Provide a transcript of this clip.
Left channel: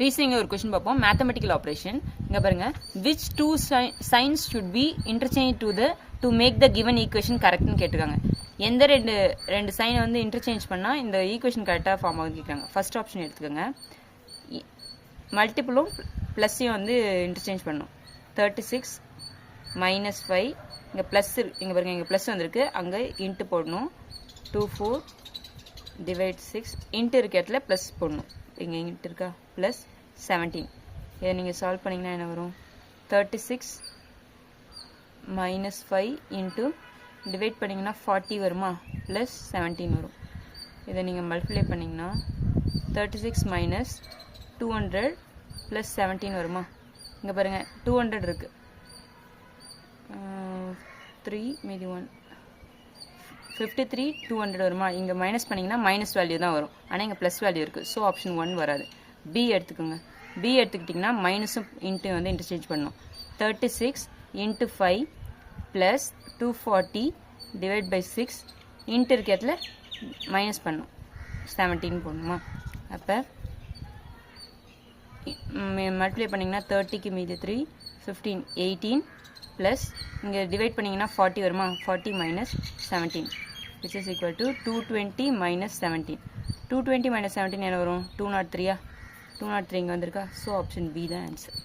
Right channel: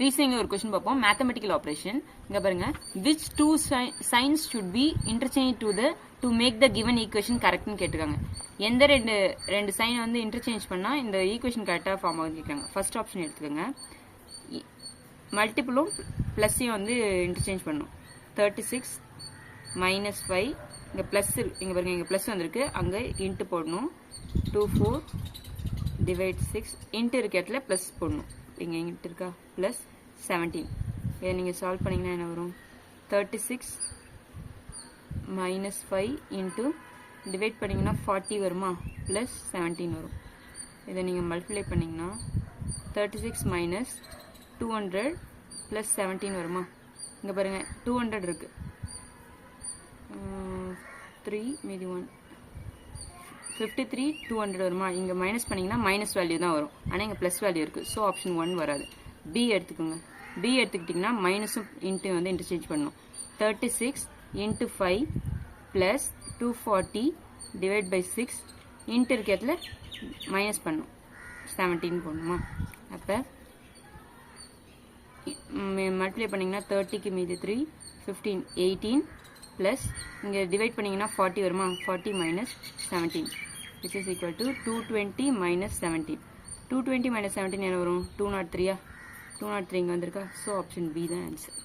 Reasoning ஒரு question பார்ப்போம். Mathematical operation. இங்க பாருங்க, which two signs should be interchanged to make the given equation correct னு கேட்டிருக்காங்க. எந்த ரெண்டு சைன் வந்து இன்டர்சேஞ்ச் பண்ணா இந்த ஈக்குவேஷன் கரெக்டா ஃபார்ம் ஆகுதுன்னு கேட்குறாங்க. ஃபர்ஸ்ட் ஆப்ஷன் எடுத்துக்கோங்க. மல்டிபிளும் பிளஸ்ஸையும் வந்து இன்டர்சேஞ்ச் பண்ணணும். 36 மைனஸ் 5 இங்கே ப்ளஸ் இங்கே பாருங்க, இங்கே ப்ளஸ் வந்திருக்கு, அங்கே இன்ட்டு போடணும். 24 டிவைட் 6 இன்ட்டு இருக்க இடத்துல ப்ளஸ் போடணும். இங்கே இன்ட்டு இருக்கா, ப்ளஸ் 17. இதை நீங்கள் சால்வ் பண்ணிங்கன்னா என்ன வரும்? 36 மைனஸ் 5 இன்ட்டு டிவைட் பண்ணிங்கன்னா 40 வருமா, ப்ளஸ் 17 வரும். இதை நீங்கள் மல்டிப்ளை பண்ணிங்கன்னா 36 மைனஸ் 200 ப்ளஸ் 17 வருமா. இங்கே பாருங்கள் 200 இருக்குது, 3 மீதி 1 53 200 வருமா. இங்கே மைனஸ் பண்ணிங்கன்னா மைனஸ் வேல்யூ தான் வரும், ஆனால் இங்கே ப்ளஸ் வேல்யூ இருக்குது. ஸோ ஆப்ஷன் 1 வராது. பி எடுத்துக்கோங்க. பி எடுத்துக்கிட்டிங்கன்னா மைனஸும் இன்ட்டு வந்து இன்டர்சேஞ்ச் பண்ணணும். 36 into 5 plus 240 divide by 6 into இருக்க இடத்துல மைனஸ் பண்ணணும், 17 போடணுமா. அப்போ மல்டிப்ளை பண்ணிங்கன்னா 30க்கு மீதி 3 15 18 ப்ளஸ் இங்கே டிவைட் பண்ணிங்கன்னா 40 வருமா, 40 minus 17 which is equal to 220 minus 17. 220 minus 17 என்ன வரும்? 203. 203 இங்கே வந்திருக்கா. ஸோ ஆப்ஷன் பி தான் ஆன்சர்.